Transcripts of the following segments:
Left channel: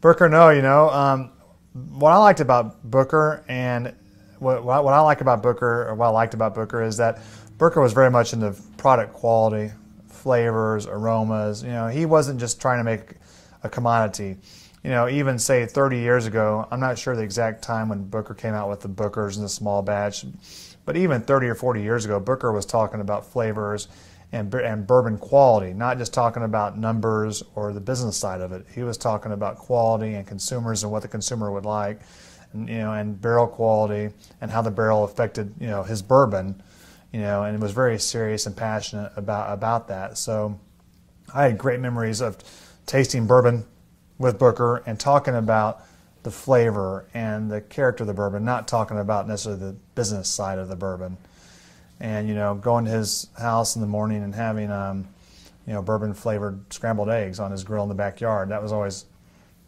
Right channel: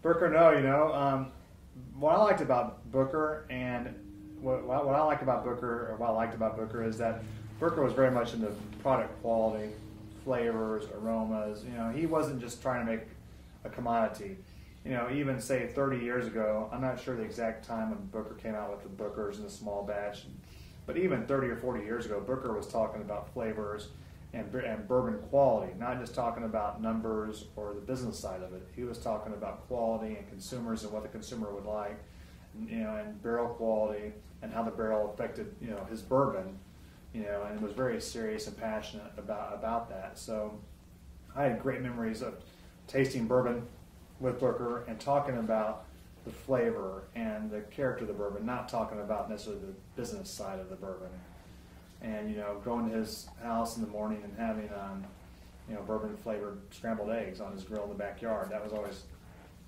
Booker Noe, what I liked about Booker and what I like about Booker, or what I liked about Booker, is that Booker was very much into product quality, flavors, aromas. He wasn't just trying to make a commodity. Even say 30 years ago, I'm not sure the exact time when Booker came out with the Bookers in the small batch, but even 30 or 40 years ago, Booker was talking about flavors and bourbon quality, not just talking about numbers or the business side of it. He was talking about quality and consumers and what the consumer would like, and barrel quality and how the barrel affected, his bourbon, and it was very serious and passionate about that. So I had great memories of tasting bourbon with Booker and talking about the flavor and the character of the bourbon, not talking about necessarily the business side of the bourbon. And going to his house in the morning and having bourbon flavored scrambled eggs on his grill in the backyard, that was always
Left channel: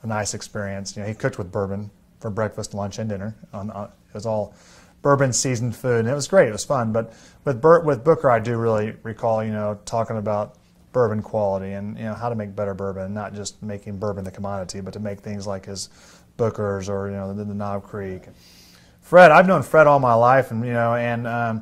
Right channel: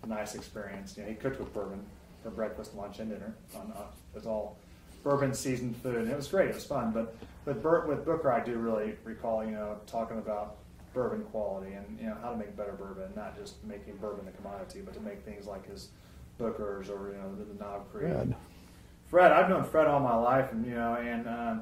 a nice experience. He cooked with bourbon for breakfast, lunch, and dinner. It was all bourbon seasoned food, and it was great. It was fun. But with Booker, I do really recall talking about bourbon quality and how to make better bourbon, not just making bourbon the commodity, but to make things like his Bookers or the Knob Creek. Fred, I've known Fred all my life, and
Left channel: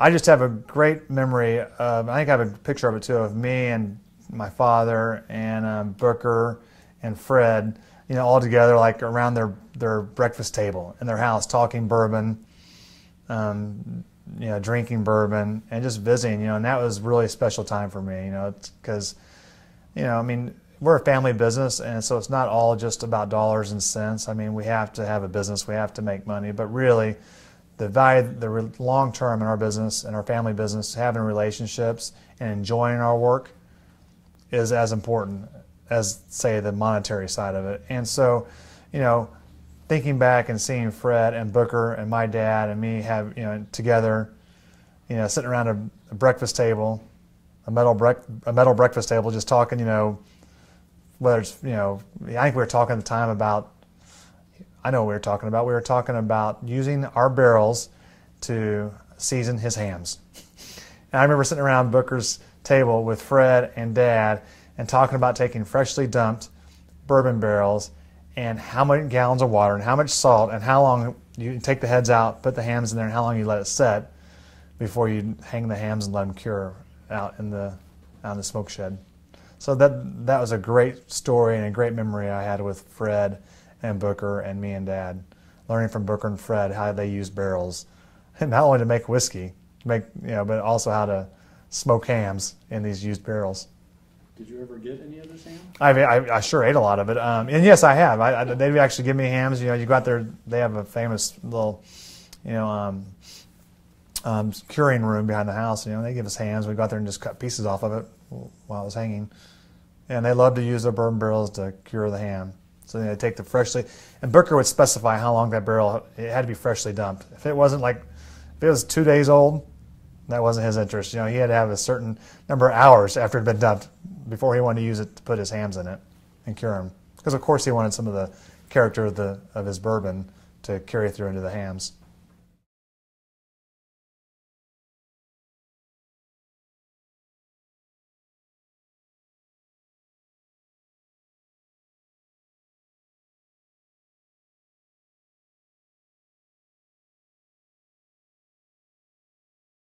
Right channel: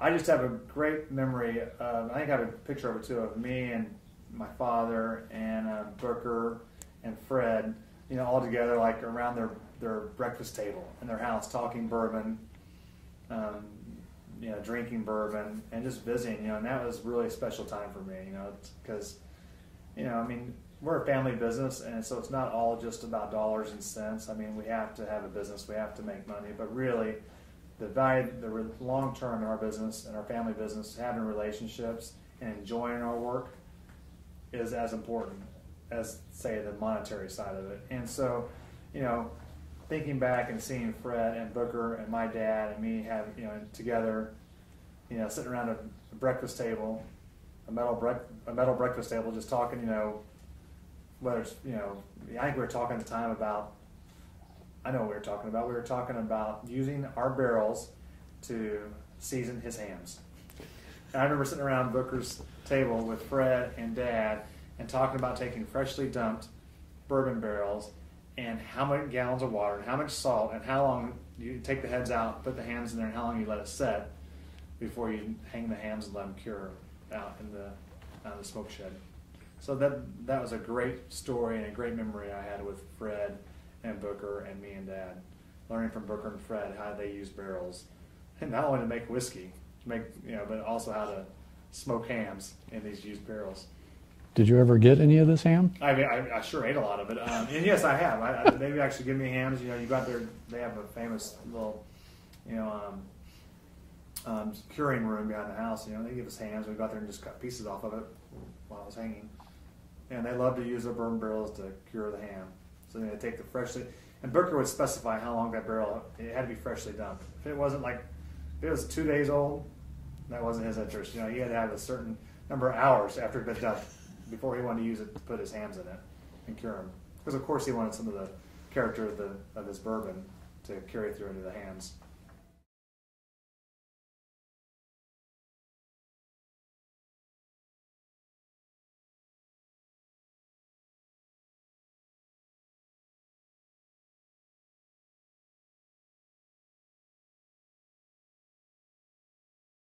I just have a great memory of, I think I have a picture of it too, of me and my father and Booker and Fred, all together like around their breakfast table in their house, talking bourbon, drinking bourbon and just visiting, and that was really a special time for me, because, we're a family business, and so it's not all just about dollars and cents. We have to have a business, we have to make money, but really the value, the long term in our business and our family business, having relationships and enjoying our work is as important as, say, the monetary side of it. And so, thinking back and seeing Fred and Booker and my dad and me have, together, sitting around a breakfast table, a metal breakfast table, just talking, whether it's, I think we were talking at the time about, I know what we were talking about. We were talking about using our barrels to season his hams. And I remember sitting around Booker's table with Fred and Dad and talking about taking freshly dumped bourbon barrels and how many gallons of water and how much salt and how long you take the heads out, put the hams in there, and how long you let it set before you hang the hams and let them cure out in the smoke shed. So that was a great story and a great memory I had with Fred and Booker and me and Dad, learning from Booker and Fred how they use barrels, and not only to make whiskey, but also how to smoke hams in these used barrels. Did you ever get any of this ham? I sure ate a lot of it, and yes, I have. They actually give me hams. You go out there, they have a famous little, curing room behind the house. They give us hams. We go out there and just cut pieces off of it while it was hanging, and they love to use their bourbon barrels to cure the ham. So they take the freshly, and Booker would specify how long that barrel, it had to be freshly dumped. If it wasn't if it was 2 days old, that wasn't his interest. He had to have a certain number of hours after it had been dumped before he wanted to use it to put his hams in it and cure them. Because of course he wanted some of the character of his bourbon to carry through into the hams.